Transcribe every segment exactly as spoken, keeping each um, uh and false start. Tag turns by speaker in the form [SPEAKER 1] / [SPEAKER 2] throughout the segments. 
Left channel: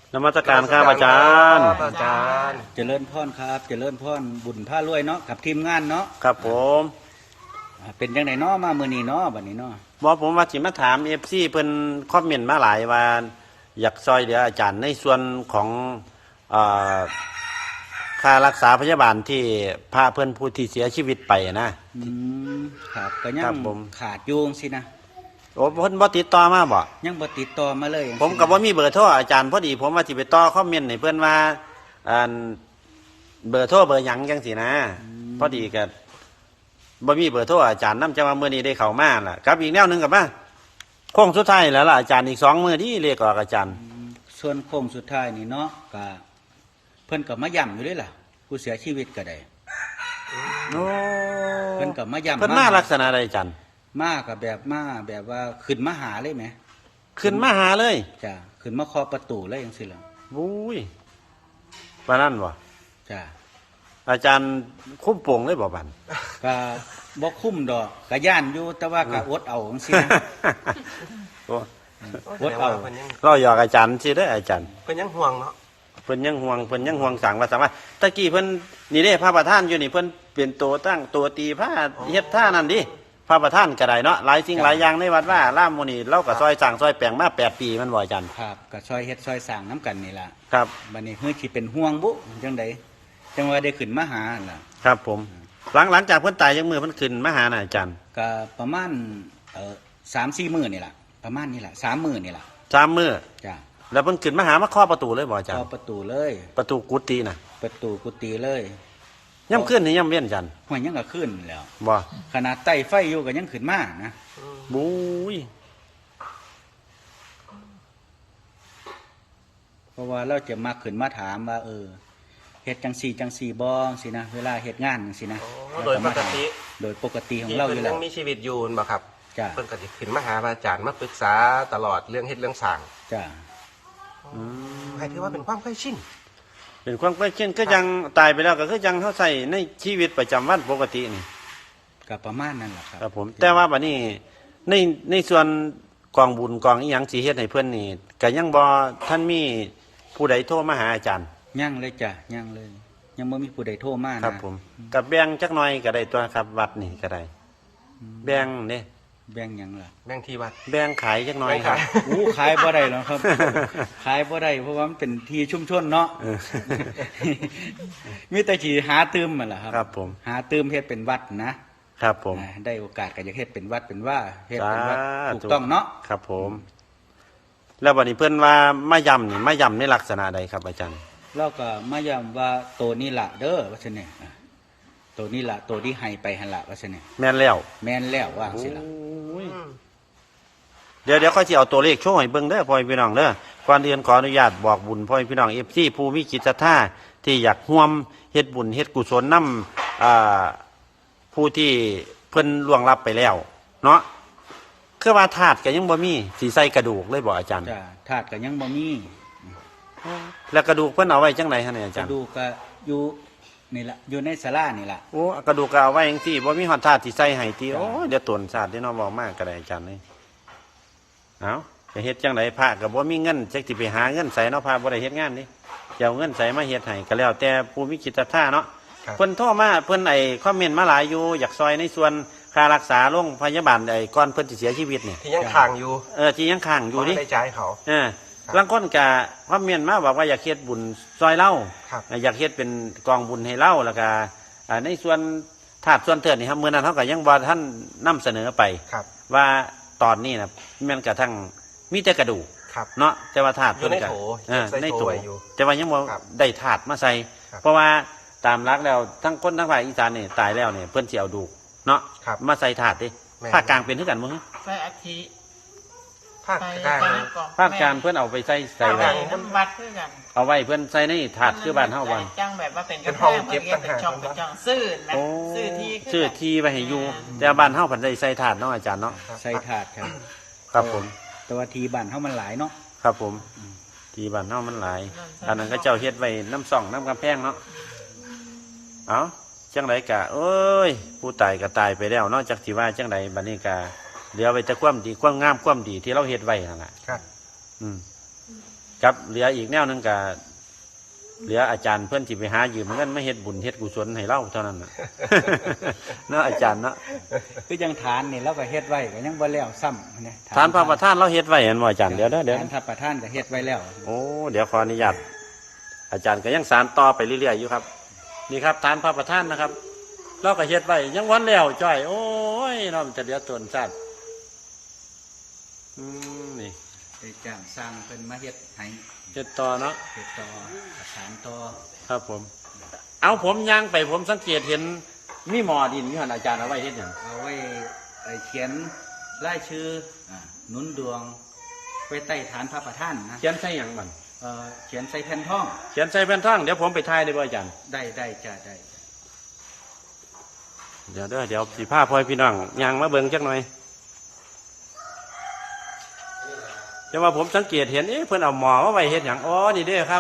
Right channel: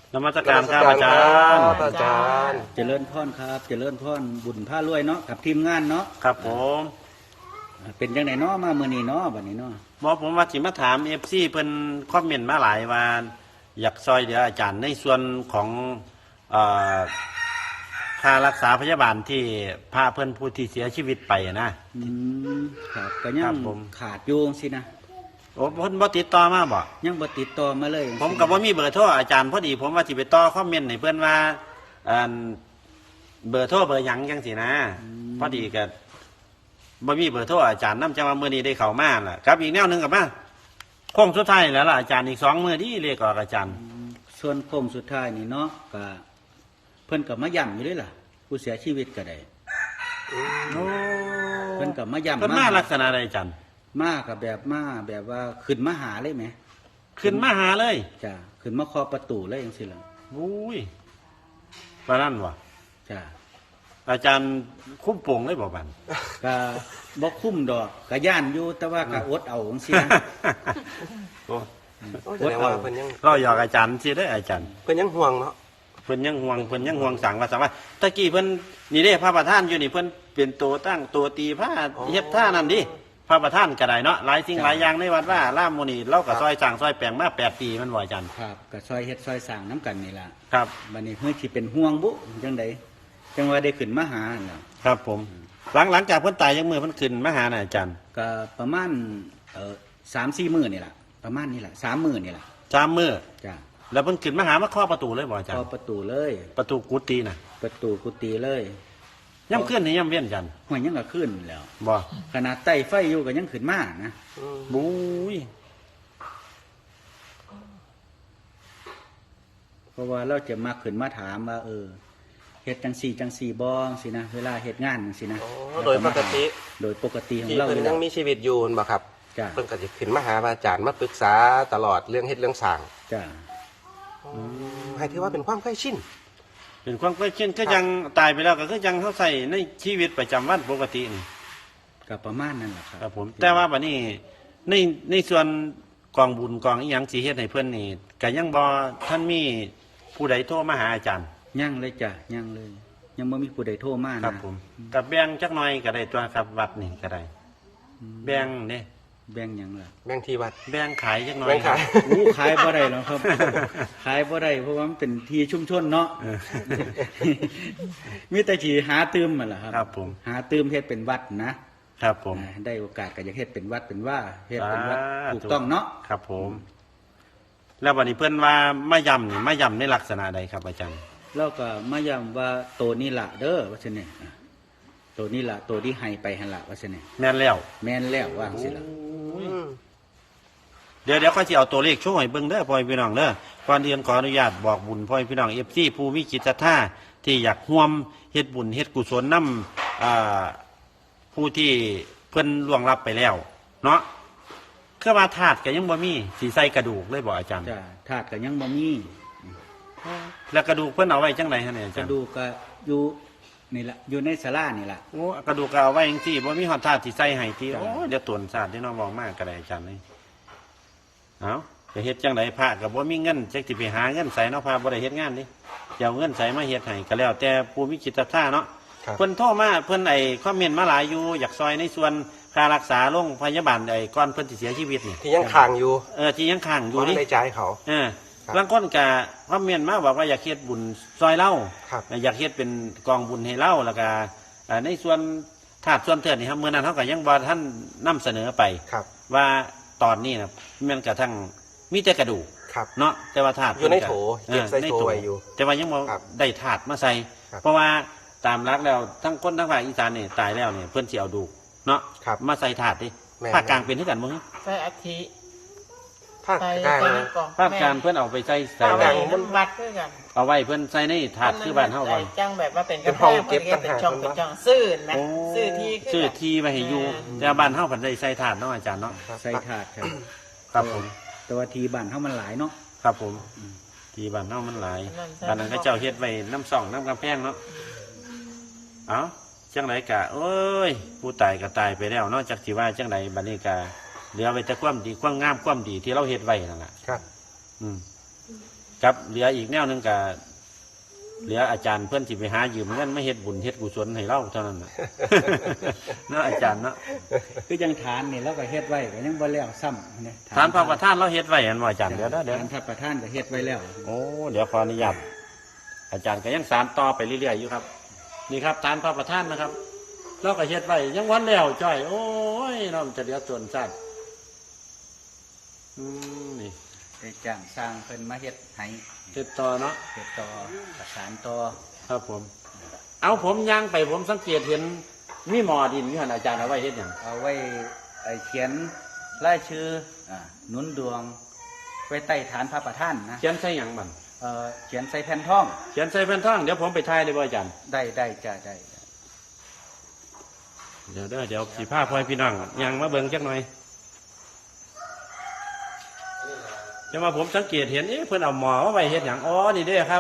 [SPEAKER 1] นมัสการครับอาจารย์
[SPEAKER 2] อาจารย์
[SPEAKER 3] เจริญพรครับเจริญพรบุญผ้ารวยเนาะกับทีมงานเนาะ
[SPEAKER 1] ครับผม
[SPEAKER 3] อ่าเป็นยังไงเนาะมาเมื่อนี้เนาะบัดนี้เนาะ
[SPEAKER 1] บอกผมว่าสิมาถามเอฟซีเป็นคอมเมนต์มาหลายว่าอยากซอยเหลืออาจารย์ในส่วนของเอ่อค่ารักษาพยาบาลที่พระเพื่อนผู้ที่เสียชีวิตไปนะ
[SPEAKER 3] อืมครับก็ยัง
[SPEAKER 1] ครับผม
[SPEAKER 3] ขาดอยู่สินะ
[SPEAKER 1] โอ้เพิ่นบ่ติดต่อมาบ่
[SPEAKER 3] ยังบ่ติดต่อมาเลย
[SPEAKER 1] ผมก็บ่มีเบอร์โทรอาจารย์พอดีผมว่าสิไปต่อคอมเมนต์ให้เพิ่นว่าอันเบอร์โทรเบอร์หยังจังซี่นะพอดีก็บ่มีเบอร์โทรอาจารย์นำจังว่ามื้อนี้ได้เข้ามาล่ะครับอีกแนวหนึงก็ว่าโค้งสุดท้ายแล้วล่ะอาจารย์อีกสองมื้อที่เรียกออกอาจารย์
[SPEAKER 3] อืมส่วนโค้งสุดท้ายนี่เนาะก็เพิ่นก็มาย้ำอยู่ด้วยล่ะ ผู้เสียชีวิตก็ได้
[SPEAKER 1] โอ้
[SPEAKER 3] เพิ่นก็มาย้ำ
[SPEAKER 1] เพิ่นมา
[SPEAKER 3] มา
[SPEAKER 1] ลักษณะใดจัน
[SPEAKER 3] มากับแบบมาแบบว่าขึ้นมาหาเลยไหม
[SPEAKER 1] ขึ้นมาหาเลย
[SPEAKER 3] จ้ะขึ้นมาเคาะประตูเลยจังซี่ล่ะ
[SPEAKER 1] วุ้ยปานนั้นบ่
[SPEAKER 3] จ้ะ
[SPEAKER 1] อาจารย์คุ้มโป่งเลยบ่บัน
[SPEAKER 3] ก็บ่คุ้มดอกก็ย่านอยู่แต่ว่าก็อดเอาจังซี่นะ
[SPEAKER 1] โอ้
[SPEAKER 3] อดเอา
[SPEAKER 2] เพิ่นยัง
[SPEAKER 1] ก็อยากอาจารย์สิเด้ออาจารย์
[SPEAKER 2] เพิ่นยังห่วงเนาะ
[SPEAKER 1] เพิ่นยังห่วงเพิ่นยังห่วงสังว่าสังว่าตะกี้เพิ่นนี่เด้พระประธานอยู่นี่เพิ่นเปลี่ยนตัวตั้งตัวตีผ้าเฮ็ดท่านั่นดิพระประธานก็ได้เนาะหลายสิ่งหลายอย่างในวัดว่าล่ามโมนี่เราก็ซอยสั่งซอยแปลงมาแปดปีมันบ่อาจารย์
[SPEAKER 3] ครับก็ซอยเฮ็ดซอยสร้างน้ำกันนี่ล่ะ
[SPEAKER 1] ครับ
[SPEAKER 3] บัดนี้เฮือสิเป็นห่วงบุจังไดจังว่าได้ขึ้นมาหานั่นล่ะ
[SPEAKER 1] ครับผม หลังหลังจากเพิ่นตายยังมือเพิ่นขึ้นมาหาน่ะอาจารย์
[SPEAKER 3] ก็ประมาณเอ่อ สามสี่ มื้อนี่ล่ะประมาณนี้ล่ะสามมื้อนี่ล่ะ
[SPEAKER 1] สามมื้อ
[SPEAKER 3] จ้ะ
[SPEAKER 1] แล้วเพิ่นขึ้นมาหามาเคาะประตูเลยบ่อาจาร
[SPEAKER 3] เข้า
[SPEAKER 1] ย์
[SPEAKER 3] ประตูเลย
[SPEAKER 1] ประตูกุฏิน่ะ
[SPEAKER 3] ประตูกุฏิเลย
[SPEAKER 1] ย่ำขึ้นนี่ย่ำเล่นอาจารย์
[SPEAKER 3] ห้วยยังก็ขึ้นแล้ว
[SPEAKER 1] บ่
[SPEAKER 3] ขนาดใต้ไฟอยู่ก็ยังขึ้นมานะ
[SPEAKER 1] บุ้ย
[SPEAKER 3] เพราะว่าเราจะมาขึ้นมาถามว่าเออเฮ็ดจังสี่จังสี่บ่สินะเวลาเฮ็ดงานจังสินะแล้วก็มาถามโดยปกติของเราอยู่แล้ว
[SPEAKER 2] ยังมีชีวิตอยู่บ่ครับ
[SPEAKER 3] จ้ะ
[SPEAKER 2] เพิ่นก็สิขึ้นมาหาพระอาจารย์มาปรึกษาตลอดเรื่องเฮ็ดเรื่องสร้าง
[SPEAKER 3] จ้ะ
[SPEAKER 2] ให้ถือว่าเป็นความเคยชิน
[SPEAKER 1] เป็นความใกล้เคียงก็ยังตายไปแล้วก็คือยังเขาใส่ในชีวิตประจำวันปกตินี่
[SPEAKER 3] ก็ประมาณนั้นแหละครับ
[SPEAKER 1] ครับผม แต่ว่าบัดนี้ในในส่วนกองบุญกองอีหยังสิเฮ็ดให้เพิ่นนี่ก็ยังบ่ท่านมีผู้ใดโทรมาหาอาจารย์
[SPEAKER 3] ยังเลยจ้ะยังเลย ยังบ่มีผู้ใดโทรมา
[SPEAKER 1] ครับ
[SPEAKER 3] นะ
[SPEAKER 1] ผมกับแบ่งจักหน่อยก็ได้ตัวครับวัดนี่ก็ได้แบ่งเด้
[SPEAKER 3] แบ่งหยังล่ะ
[SPEAKER 2] แบ่งที่วัด
[SPEAKER 1] แบ่งขายจักหน่อย
[SPEAKER 2] แบ่งขาย
[SPEAKER 3] อู้ขายบ่ได้หรอกครับ ขายบ่ได้เพราะว่ามันเป็นที่ชุมชนเนาะ
[SPEAKER 1] อืม
[SPEAKER 3] มีแต่ที่หาตืมมันล่ะครับ
[SPEAKER 1] ครับผม
[SPEAKER 3] หาตืมเฮ็ดเป็นวัดนะครับ
[SPEAKER 1] ผม
[SPEAKER 3] อ่าได้โอกาสก็อยากเฮ็ดเป็นวัดเป็นว่าเฮ็ดเป็นวัด
[SPEAKER 1] สาธุ
[SPEAKER 3] ถูกต้องเนาะ
[SPEAKER 1] ครับผม แล้วบัดนี้เพิ่นว่ามาย่ำนี่มาย่ำในลักษณะใดครับอาจารย์
[SPEAKER 3] แล้วก็มาย้ำว่าตัวนี้ล่ะเด้อว่าซั่นเนี่ยอ่ะตัวนี้ล่ะตัวที่ให้ไปหั่นล่ะว่าซั่นเนี่ย
[SPEAKER 1] แม่นแล้ว
[SPEAKER 3] แม่นแล้วว่าจังซี่ล่ะ
[SPEAKER 1] เดี๋ยวเดี๋ยวเขาจะเอาตัวเลขช่วยเบิ่งเด้อพ่อพี่น้องเด้อก่อนเรียนขออนุญาตบอกบุญพ่อพี่น้องเอฟซีผู้มีจิตศรัทธาที่อยากร่วมเฮ็ดบุญเฮ็ดกุศลนำอ่าผู้ที่เพิ่นล่วงลับไปแล้ว เนาะคือว่าธาตุก็ยังบ่มีสิใส่กระดูกเลยบ่อาจารย์
[SPEAKER 3] จ้ะธาตุก็ยังบ่มี
[SPEAKER 1] แล้วกระดูกเพิ่นเอาไว้จังไดฮะเนี่ยอาก จาร
[SPEAKER 3] ระ
[SPEAKER 1] ย์
[SPEAKER 3] ดูกก็อยู่นี่ล่ะอยู่ในศาลานี่ล่ะ
[SPEAKER 1] โอ้กระดูกก็เอาไว้จังซี่บ่มีฮอดธาตุสิใส่ให้ติ
[SPEAKER 3] จ้ะ
[SPEAKER 1] โอ้ยเดี๋ยวตนศาสตร์ที่น้องบอกมากก็ได้อาจารย์นี่เอาจะเฮ็ดจังไดพระก็บ่มีเงินจักสิไปหาเงินใส่เนาะพระบ่ได้เฮ็ดงานนี่จะเอาเงินใส่มาเฮ็ดให้ก็แล้วแต่ผู้มีจิตศรัทธาเนาะ
[SPEAKER 2] ครับ
[SPEAKER 1] เพิ่นโทรมาเพิ่นไอ้คอมเมนต์มาหลายอยู่อยากซอยในส่วนค่ารักษาโรงพยาบาลไอ้ก่อนเพิ่นสิเสียชีวิตนี่
[SPEAKER 2] ที่ยังค้างอยู่
[SPEAKER 1] เออที่ยังค้างอยู่นี่
[SPEAKER 2] ในใจายเขา
[SPEAKER 1] เออ บางคนก็คอมเมนต์มาบอกว่าอยากเฮ็ดบุญซอยเล่า
[SPEAKER 2] ครับ
[SPEAKER 1] อยากเฮ็ดเป็นกองบุญให้เล่าแล้วก็อ่าในส่วนธาตุส่วนเทิดนี่ครับมื้อนั้นเฮาก็ยังบ่ท่านนำเสนอไป
[SPEAKER 2] ครับ
[SPEAKER 1] ว่าตอนนี้นะแมันกระทั่งมีแต่กระดูก
[SPEAKER 2] ครับ
[SPEAKER 1] เนาะแต่ว่าธาตุ
[SPEAKER 2] อยู่ในโถ
[SPEAKER 1] เออ
[SPEAKER 2] เก็บใส่
[SPEAKER 1] ใน
[SPEAKER 2] โถ
[SPEAKER 1] โถ
[SPEAKER 2] ไว้อยู่
[SPEAKER 1] แต่ว่ายังบ่
[SPEAKER 2] ครับ
[SPEAKER 1] ได้ธาตุมาใส่
[SPEAKER 2] ครับ
[SPEAKER 1] เพราะว่าตามหลักแล้วทั้งคนทั้งภาคอีสานนี่ตายแล้วเนี่ยเพิ่นสิเอาดูกเนาะ
[SPEAKER 2] ครับ
[SPEAKER 1] มาใส่ธาตุดิ
[SPEAKER 2] แม่น
[SPEAKER 1] ภาคกลางเป็นคือกันบ่ฮะ
[SPEAKER 4] ใส่อาทิ
[SPEAKER 2] ภาค
[SPEAKER 4] ใส่
[SPEAKER 2] กลาง
[SPEAKER 4] ใส่ในกล่อง
[SPEAKER 1] ภาคกลางเพิ่นเอาไปใส่ใส่
[SPEAKER 4] ใส่
[SPEAKER 1] ไว้
[SPEAKER 4] น้ำวัดด้วยกัน
[SPEAKER 1] เอาไว้เพิ่นใส่ในถาดคือบ้านเฮาบ่
[SPEAKER 4] จังแบบว่าเป็นกระเพาะเก็บเป็นช่องเป็นช่องซื้อนะ
[SPEAKER 1] โอ้
[SPEAKER 4] ซื้อที่
[SPEAKER 1] ซื้อที่ไว้ให้อยู่แต่บ้านเฮาเพิ่นได้ใส่ถาดเนาะอาจารย์เนาะ
[SPEAKER 3] ใส่ถาดครับ
[SPEAKER 1] ครับผม
[SPEAKER 3] แต่ว่าทีบ้านเฮามันหลายเนาะ
[SPEAKER 1] ครับผมที่บ้านเฮามันหลายอันนั้นก็เจ้าเฮ็ดไว้น้ำส่องน้ำกำแพงเนาะเอ้าจังไดกะเอ้ยผู้ตายก็ตายไปแล้วเนาะจักสิว่าจังไดบัดนี้กะเหลือไว้แต่ความดีความงามความดีที่เราเฮ็ดไว้นั่นล่ะ
[SPEAKER 2] ครับ
[SPEAKER 1] อืมครับเหลืออีกแนวหนึงก็เหลืออาจารย์เพิ่นสิไปหายืมเงินมาเฮ็ดบุญเฮ็ดกุศลให้เราเท่านั้นน่ะ เนาะอาจารย์เนาะ
[SPEAKER 3] คือยังฐานนี่เราก็เฮ็ดไว้ก็ยังบ่แล้วซ้ำนะ
[SPEAKER 1] ฐานพระประธานเราเฮ็ดไว้เห็นบ่อาจารย์เดี๋ยวนะเดี๋ยว
[SPEAKER 3] ฐานพระประธานก็เฮ็ดไว้แล้ว
[SPEAKER 1] โอ้เดี๋ยวขออนุญาตอาจารย์ก็ยังสานต่อไปเรื่อยๆอยู่ครับนี่ครับฐานพระประธานนะครับเราก็เฮ็ดไว้ยังวันแล้วจ้อยโอ้ยเราจะเดือดตนชาติอืมนี่
[SPEAKER 3] ไปจ้างสร้างเพิ่นมาเฮ็ดให้
[SPEAKER 1] เฮ็ดต่อเนาะ
[SPEAKER 3] เฮ็ดต่อประสานต่อ
[SPEAKER 1] ครับผม เอาผมย่างไปผมสังเกตเห็นมีหมอดินอยู่หันอาจารย์เอาไว้เฮ็ดหยัง
[SPEAKER 3] เอาไว้ไอ้เขียนรายชื่ออ่าหนุนดวงไว้ใต้ฐานพระประธานนะ
[SPEAKER 1] เขียนใส่หยังมัน
[SPEAKER 3] เอ่อเขียนใส่แผ่นท่อง
[SPEAKER 1] เขียนใส่แผ่นทองเดี๋ยวผมไปทายได้บ่อาจารย์
[SPEAKER 3] ได้ได้จ้ะได้
[SPEAKER 1] เดี๋ยวเด้อเดี๋ยวพี่ผ้าพลอยพี่น้องย่างมาเบิ่งจักหน่อยแต่ว่าผมสังเกตเห็นเอ๊ะเพิ่นเอาหมอมาไว้เฮ็ดหยังอ๋อนี่เด้อครับ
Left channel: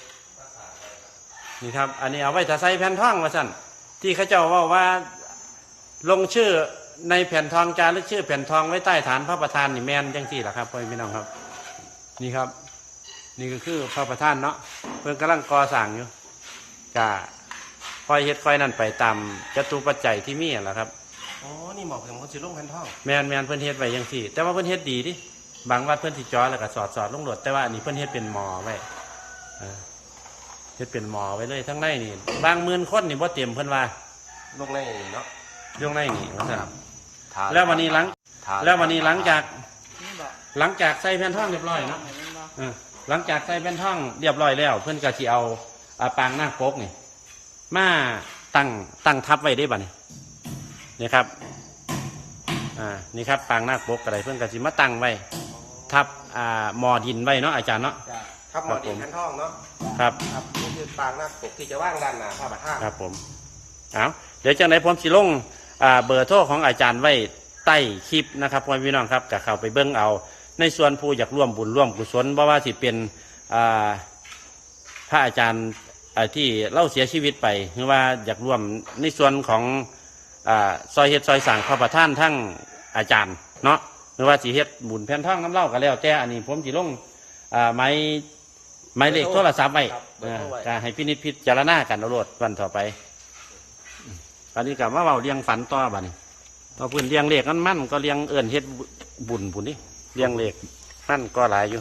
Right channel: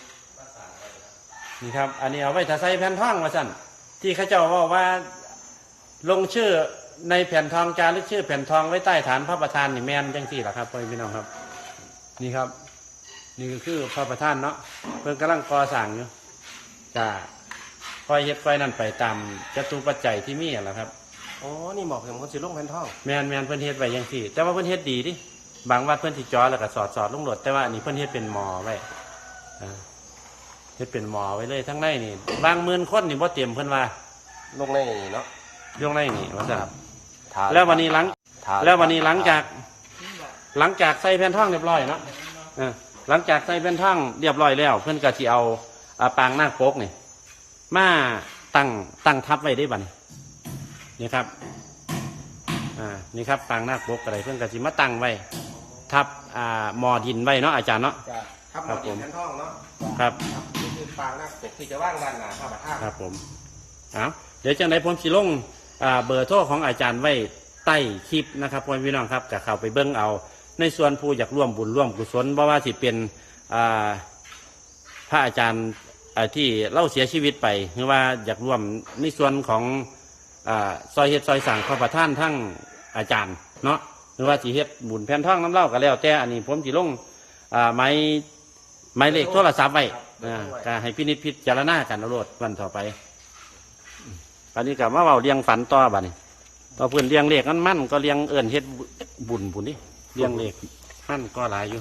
[SPEAKER 1] นี่ครับ อันนี้เอาไว้ถ้าใส่แผ่นทองว่าซั่นที่เขาเจ้าเว่าว่าลงชื่อในแผ่นทองจารึกชื่อแผ่นทองไว้ใต้ฐานพระประธานนี่แม่นจังซี่ล่ะครับพ่อพี่น้องครับ นี่ครับ นี่ก็คือพระประธานเนาะเพิ่นกำลังก่อสร้างอยู่ก็ค่อยเฮ็ดค่อยนั่นไปตามจตุปัจจัยที่มีแหละครับ
[SPEAKER 2] อ๋อนี่หมอกเห็นคนสิลงพันท่อง
[SPEAKER 1] แม่นแม่นเพิ่นเฮ็ดไว้จังซี่ แต่ว่าเพิ่นเฮ็ดดีดิบางวัดเพิ่นสิจ่อแล้วก็สอดสอดลงโหลดแต่ว่าอันนี้เพิ่นเฮ็ดเป็นหมอไว้อ่าเฮ็ดเป็นหมอไว้เลยทั้งในนี่บางหมื่นคนนี่บ่เต็มเพิ่นว่า
[SPEAKER 2] ลงเลยเนาะ
[SPEAKER 1] ยกในนี่ว่าซั่นแล้ววันนี้หลังแล้ววันนี้หลังจากหลังจากใส่แผ่นทองเรียบร้อยเนาะเออหลังจากใส่แผ่นทองเรียบร้อยแล้ว เพิ่นก็สิเอาอ่าปางนาคปกนี่มาตั้งตั้งทับไว้ได้บัดนี้นี่ครับอ่านี่ครับปางนาคปกอะไรเพิ่นก็สิมาตั้งไว้ทับอ่าหมอดินไว้เนาะอาจารย์เนาะ ครับผม
[SPEAKER 2] พันท่องเนาะ
[SPEAKER 1] ครับ
[SPEAKER 2] ครับนี่คือปางหน้าปกที่จะว่างด้านหน้าพระประธาน
[SPEAKER 1] ครับผมเอาเดี๋ยวจังไหนผมสิลงอ่าเบอร์โทรของอาจารย์ไว้ใต้คลิปนะครับพ่อพี่น้องครับก็เข้าไปเบิ่งเอา ในส่วนผู้อยากร่วมบุญร่วมกุศลเพราะว่าสิเป็นอ่าพระอาจารย์อ่าที่เล่าเสียชีวิตไปหรือว่าอยากร่วมในส่วนของอ่าซอยเฮ็ดซอยสั่งพระประธานทั้งอาจารย์เนาะหรือว่าสิเฮ็ดบุญแผ่นทองน้ำเล่าก็แล้วแต่อันนี้ผมสิลงอ่าไม้ไม้เลขโทรศัพท์ไว้อ่าก็ให้พินิจพิจารณากันเอาโลดวันต่อไปตอนนี้กับว่าเราเลี้ยงฝันต่อบัดนี้ต่อพื้นเลี้ยงเลขนั้นมั่นก็เลี้ยงเอิ่นเฮ็ดบุญบุญนี่เลี้ยงเลขมั่นก็หลายอยู่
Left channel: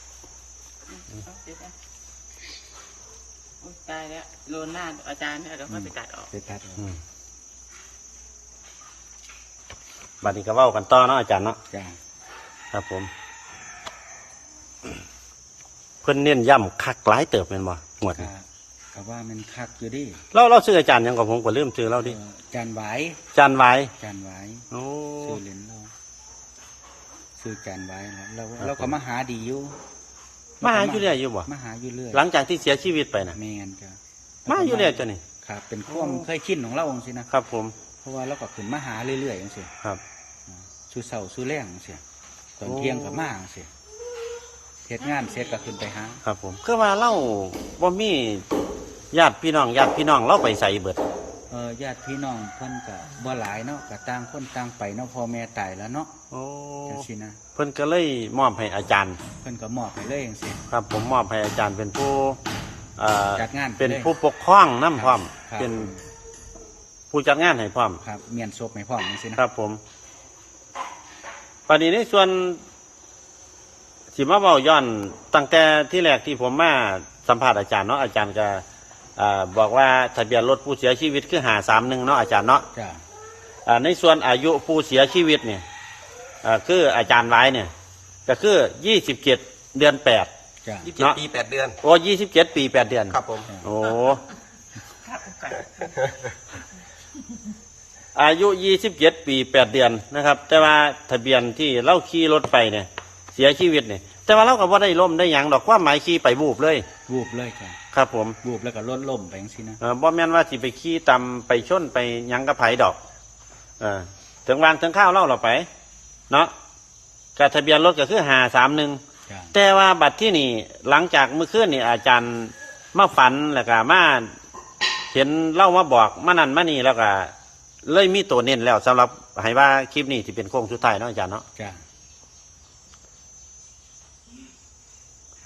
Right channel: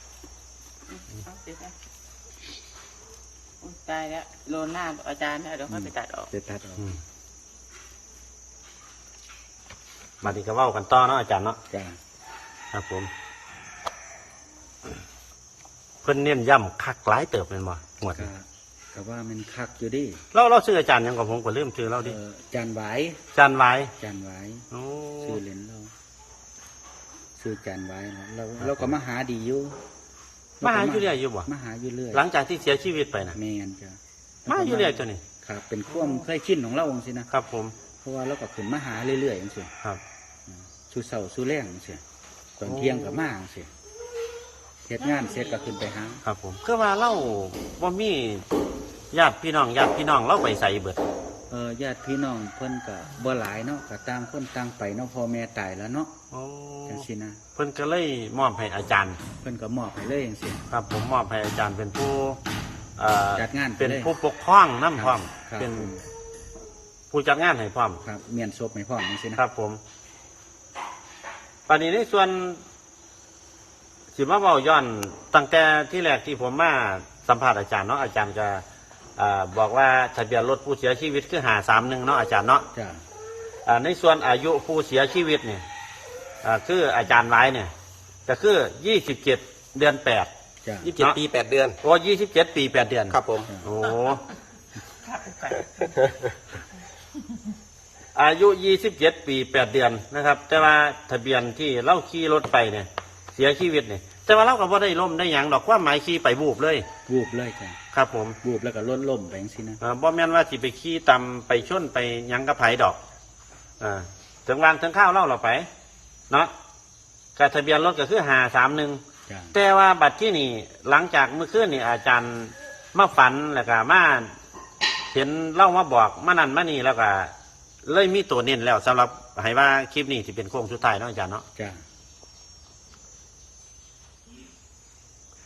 [SPEAKER 4] ตายแล้วโยนหน้าอาจารย์ให้เดี๋ยวเขาจะตัดออก
[SPEAKER 3] ไปตัดออก
[SPEAKER 1] อืมบัดนี้ก็เว้ากันต่อเนาะอาจารย์เนาะ
[SPEAKER 3] จ้า
[SPEAKER 1] ครับผม เพิ่นเน้นย้ำคักหลายเติบเป็นบ่หมด
[SPEAKER 3] ก็ก็ว่ามันคักอยู่ดิ
[SPEAKER 1] เราเราซื้ออาจารย์หยังกับผมก็เริ่มซื้อเราดิ
[SPEAKER 3] เอ่อจานไหวาย
[SPEAKER 1] อาจารย์ไว้
[SPEAKER 3] จานไหวาย
[SPEAKER 1] โอ้
[SPEAKER 3] ซื้อเหรียญเราซื้อจานไหวายนะเราเราก็มาหาดีอยู่
[SPEAKER 1] มาหาอยู่เรื่อยอยู่บ่
[SPEAKER 3] มาหาอยู่เรื่อย
[SPEAKER 1] หลังจากที่เสียชีวิตไปน่ะ
[SPEAKER 3] แมนจ้ะ
[SPEAKER 1] มาอยู่เรื่อยจ้ะนี่
[SPEAKER 3] ครับ เป็นความเคยชินของเราองสินะครับ
[SPEAKER 1] ผม
[SPEAKER 3] เพราะว่าเราก็ขึ้นมาหาเรื่อยๆอย่างเสีย
[SPEAKER 1] ครับ
[SPEAKER 3] สู้เสาสู้แรงจังเสียตอนเที่ยงกับมาจังเสียเฮ็ดงานเสร็จก็ขึ้นไปหา
[SPEAKER 1] ครับผมคือว่าเราบ่มีญาติพี่น้องญาติพี่น้องเราไปใส่เบิด
[SPEAKER 3] เออญาติพี่น้องเพิ่นก็บ่หลายเนาะก็ต่างคนต่างไปเนาะพ่อแม่ตายแล้วเนาะ
[SPEAKER 1] โอ้
[SPEAKER 3] จังซี่นะ
[SPEAKER 1] เพิ่นก็เลยมอบให้อาจารย์
[SPEAKER 3] เพิ่นก็มอบให้เลยจังซี่
[SPEAKER 1] ครับผมมอบให้อาจารย์เป็นผู้เอ่อ
[SPEAKER 3] จัดงานไป
[SPEAKER 1] เป็น
[SPEAKER 3] เลย
[SPEAKER 1] ผู้ปกครองน้ำพร้อม
[SPEAKER 3] ครับ
[SPEAKER 1] เป็นผู้จัดงานให้พร้อม
[SPEAKER 3] ครับเมียนศพให้พร้อมจังซี่นะครับ
[SPEAKER 1] ผมปานนี้ในส่วนสิมาเว้าย้อนตั้งแต่ที่แรกที่ผมมาสัมภาษณ์อาจารย์เนาะอาจารย์ก็อ่าบอกว่าทะเบียนรถผู้เสียชีวิตคือหาสามหนึ่งเนาะอาจารย์เนาะ
[SPEAKER 3] จ้ะ
[SPEAKER 1] อ่าในส่วนอายุผู้เสียชีวิตเนี่ยอ่าคืออาจารย์ไว้เนี่ยก็คือยี่สิบเจ็ดเดือนแปด
[SPEAKER 3] จ้ะ
[SPEAKER 2] ยี่สิบเจ็ดปีแปดเดือน
[SPEAKER 1] โอ้ยี่สิบเจ็ดปีแปดเดือน
[SPEAKER 2] ครับผม
[SPEAKER 1] โอ้ อายุยี่สิบเจ็ดปีแปดเดือนนะครับ แต่ว่าทะเบียนที่เล่าขี่รถไปเนี่ย เสียชีวิตเนี่ยแต่ว่าเราก็บ่ได้ล้มได้หยังดอกความหมายขี่ไปบูบเลย
[SPEAKER 3] วูบเลยจ้ะ
[SPEAKER 1] ครับผม
[SPEAKER 3] วูบแล้วก็ล้นล่มไปจังซี่นะ
[SPEAKER 1] เออบ่แม่นว่าสิไปขี่ตำไปชนไปหยังกระไผดอกเออถึงวางถึงข้าวเล่าเราไป เนาะกับทะเบียนรถก็คือหาสามหนึ่ง
[SPEAKER 3] จ้ะ
[SPEAKER 1] แต่ว่าบัดที่นี่หลังจากเมื่อคืนนี่อาจารย์มาฝันแล้วก็มาเห็นเล่ามาบอกมานั่นมานี่แล้วก็เลยมีตัวเน้นแล้วสำหรับให้ว่าคลิปนี้ที่เป็นโค้งสุดท้ายเนาะอาจารย์เนาะ
[SPEAKER 3] จ้ะ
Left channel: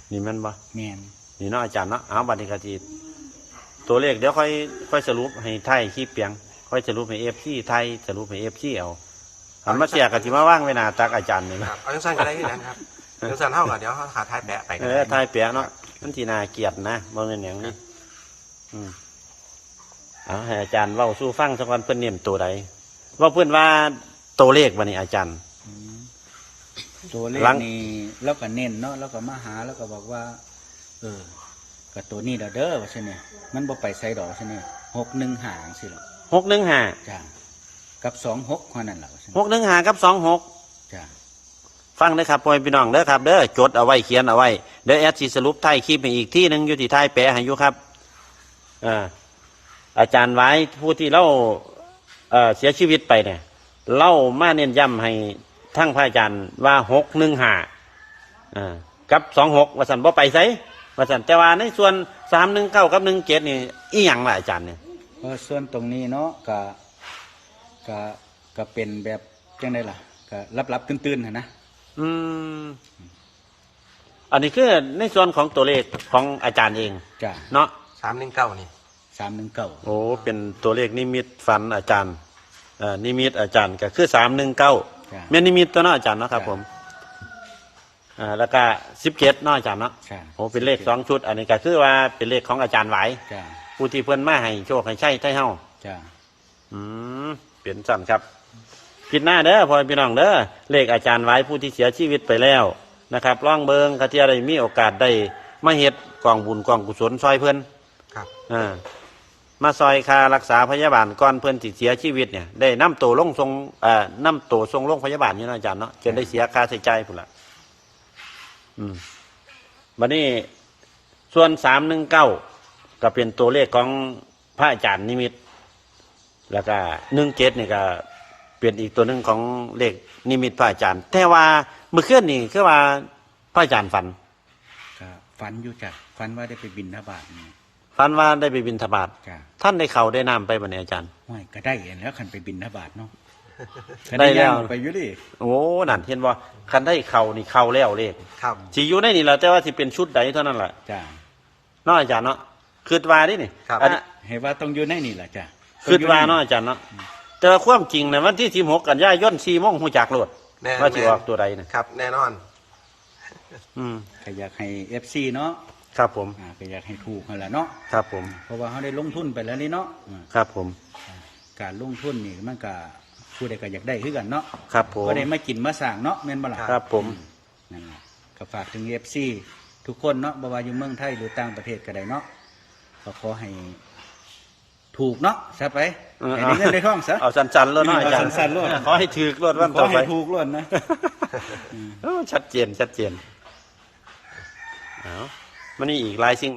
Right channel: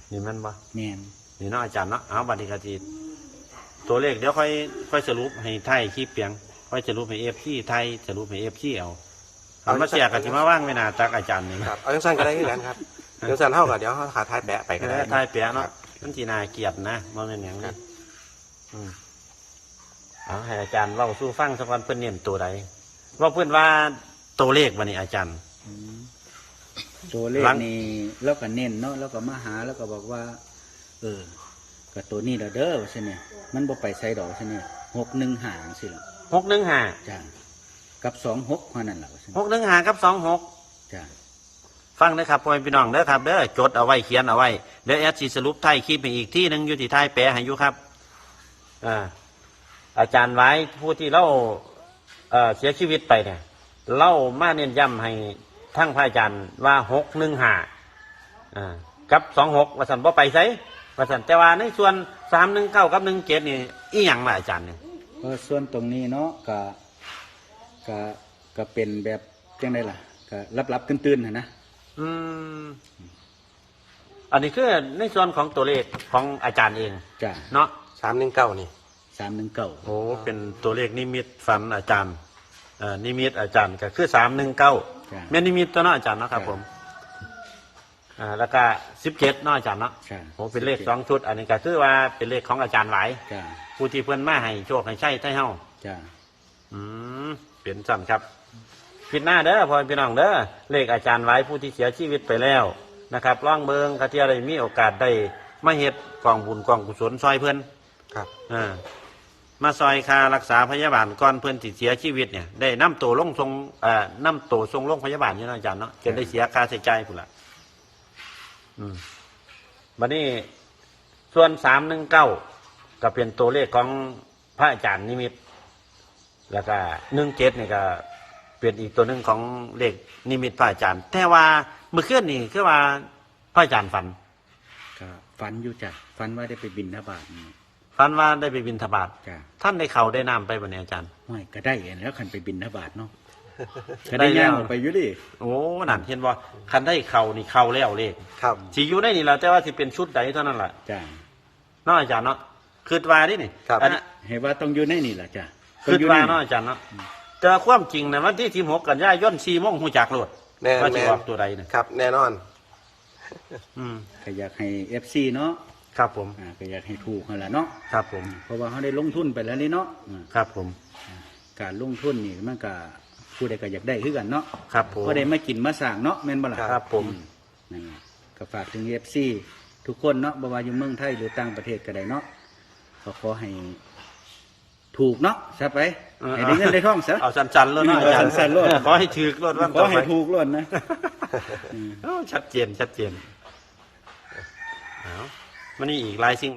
[SPEAKER 1] นี่แมันบ่
[SPEAKER 3] แม่น
[SPEAKER 1] นี่เนาะอาจารย์เนาะเอาบัดนี้ก็สิตัวเลขเดี๋ยวค่อยค่อยสรุปให้ไทยคลิปเปียงค่อยสรุปให้ เอฟ ซี ไทยสรุปให้ เอฟ ซี เอาอันมาเสียก็สิมาว่างไว้หน้าตักอาจารย์นี่
[SPEAKER 2] ค
[SPEAKER 1] นะ
[SPEAKER 2] รับเอาจังซั่นก็ได้คือกันครับเอาจังซั่นเฮาก็เดี๋ยวเฮาขาท้ายแปะไปก็
[SPEAKER 1] เอ
[SPEAKER 2] ได้
[SPEAKER 1] อไทยเปียกเนาะมันสิน่าเกลียดนะบ่แม่นหยังนี่อืมเอาให้อาจารย์เว้าสู่ฟังสักวันเพิ่นเน้นตัวใดว่าเพิ่นว่าตัวเลขบัดนี้อาจารย์
[SPEAKER 3] อืมตัวเลข
[SPEAKER 1] หลัง
[SPEAKER 3] นี่แล้วก็เน้นเนาะแล้วก็มาหาแล้วก็บอกว่า เออก็ตัวนี้ละเด้อว่าซั่นเนี่ยมันบ่ไปไสดอกว่าซั่นเนี่ยหกหนึ่งหาจังซี่ล่ะ
[SPEAKER 1] หกหนึ่งห้า
[SPEAKER 3] จ้ากับสองหกเท่านั้นล่ะว่าซั่น
[SPEAKER 1] หกหนึ่งห้ากับสองหก
[SPEAKER 3] จ้า
[SPEAKER 1] ฟังนะครับพ่อแม่พี่น้องเด้อครับเด้อจดเอาไว้เขียนเอาไว้เดี๋ยวแอดสิสรุปท้ายคลิปให้อีกที่หนึงอยู่ที่ท้ายแปะให้อยู่ครับอ่าอาจารย์ไว้ผู้ที่เล่าเอ่อเสียชีวิตไปเนี่ยเล่ามาเน้นย้ำให้ทั้งพระอาจารย์ว่าหกหนึ่งห้าอ่ากับสองหกว่าสันบ่ไปไสว่าสันแต่ว่าในส่วนสามหนึ่งเก้ากับหนึ่งเจ็ดนี่อีหยังล่ะอาจารย์นี่
[SPEAKER 3] เพราะส่วนตรงนี้เนาะก็ก็ก็เป็นแบบจังไดล่ะก็รับๆตื่นๆหั่นนะ
[SPEAKER 1] อืมอันนี้คือในส่วนของตัวเลขของอาจารย์เอง
[SPEAKER 3] จ้า
[SPEAKER 1] เนาะ
[SPEAKER 2] สามหนึ่งเก้านี่
[SPEAKER 3] สามหนึ่งเก้า
[SPEAKER 1] โอ้ เป็นตัวเลขนิมิตฝันอาจารย์เอ่อนิมิตอาจารย์ก็คือสามหนึ่งเก้า
[SPEAKER 3] จ้า
[SPEAKER 1] แม่นนิมิตตัวนั้นอาจารย์นะครับ
[SPEAKER 3] จ้ะ
[SPEAKER 1] ผม อ่า แล้วก็สิบเจ็ดนาะอาจารย์เนาะ
[SPEAKER 3] จ้า
[SPEAKER 1] โอ้ เป็นเลขสองชุด อันนี้ก็คือว่าเป็นเลขของอาจารย์ไหว
[SPEAKER 3] จ้า
[SPEAKER 1] ผู้ที่เพิ่นมาให้โชคให้ใช้ไทเฮา
[SPEAKER 3] จ้า
[SPEAKER 1] อืม เป็นสั่นครับ ผิดหน้าเด้อพ่อพี่น้องเด้อ เลขอาจารย์ไหวผู้ที่เสียชีวิตไปแล้วนะครับล่องเบิงกะที่อะไรมีโอกาสได้มาเฮ็ดกองบุญกองกุศลซอยเพิ่น
[SPEAKER 2] ครับ
[SPEAKER 1] เออมาซอยคารักษาพยาบาลก่อนเพื่อนติเสียชีวิตเนี่ยได้นำตัวลงทรงเอ่อนำตัวทรงลงพยาบาลอยู่นะอาจารย์เนาะจนได้เสียค่าใช้จ่ายพุ่นละอืมวันนี้ส่วนสามหนึ่งเก้าก็เป็นตัวเลขของพระอาจารย์นิมิต แล้วก็หนึ่งเจ็ดนี่ก็เป็นอีกตัวหนึ่งของเลขนิมิตพระอาจารย์ แต่ว่าเมื่อคืนนี่คือว่าพระอาจารย์ฝัน
[SPEAKER 3] ก็ฝันอยู่จ้ะฝันว่าได้ไปบินทบาทนี่
[SPEAKER 1] ฝันว่าได้ไปบิณฑบาต
[SPEAKER 3] จ้ะ
[SPEAKER 1] ท่านได้เข่าได้น้ำไปบนนี้อาจารย์
[SPEAKER 3] ห้อยก็ได้เห็นแล้วคันไปบินทบาทเนาะ
[SPEAKER 1] ก็
[SPEAKER 3] ก็
[SPEAKER 1] ได้
[SPEAKER 3] ได้
[SPEAKER 1] ย่า
[SPEAKER 3] ย่าง งออกไปอยู่ดิ
[SPEAKER 1] โอ้นั่นเห็นว่ากันได้เข่านี่เข่าแล้วเลย
[SPEAKER 2] ครับ
[SPEAKER 1] สิอยู่ในนี่แหละแต่ว่าสิเป็นชุดใดเท่านั้นแหละ
[SPEAKER 3] จ้ะ
[SPEAKER 1] เน้องอาจารย์เนาะคือว่าดินี่
[SPEAKER 2] ครับ
[SPEAKER 1] อันนี้
[SPEAKER 3] เห็นว่าต้องอยู่ในนี่แหละจ้ะต้อ
[SPEAKER 1] คื
[SPEAKER 3] ง
[SPEAKER 1] อ
[SPEAKER 3] อยู่ใน
[SPEAKER 1] ว่า
[SPEAKER 3] นี่
[SPEAKER 1] เน้องอาจารย์เนาะแต่ความจริงในวันที่สิบหกกันยายนสี่โมงหูจักโลด
[SPEAKER 2] แม่น
[SPEAKER 1] เราสิออกตัวใดนี่
[SPEAKER 2] ครับแน่นอน
[SPEAKER 1] อืม
[SPEAKER 3] ก็อยากให้เอฟซีเนาะ
[SPEAKER 1] ครับผม
[SPEAKER 3] อ่าก็อยากให้ถูกนั่นแหละเนาะ
[SPEAKER 1] ครับผม
[SPEAKER 3] เพราะว่าเขาได้ลงทุนไปแล้วนี่เนาะอ่า
[SPEAKER 1] ครับผม
[SPEAKER 3] การลงทุนนี่มันก็ผู้ใดก็อยากได้คือกันเนาะ
[SPEAKER 1] ครับผม
[SPEAKER 3] เพราะได้มากินมาสั่งเนาะแม่นบ่ล่ะ
[SPEAKER 1] ครับผม
[SPEAKER 3] นั่นแหละก็ฝากถึงเอฟซีทุกคนเนาะบ่ว่าอยู่เมืองไทยหรือต่างประเทศก็ได้เนาะก็ขอให้ถูกเนาะซะไปให้ได้เงินได้ทองซะ
[SPEAKER 1] เอาสั้นๆเลยเนาะอาจารย์
[SPEAKER 3] เอาสั้นๆโลด
[SPEAKER 1] ขอให้ถูกโลดว่า
[SPEAKER 3] ขอให้ถูกล้วนนะ
[SPEAKER 1] เออชัดเจนชัดเจนเอามันนี่อีกหลายสิ่ง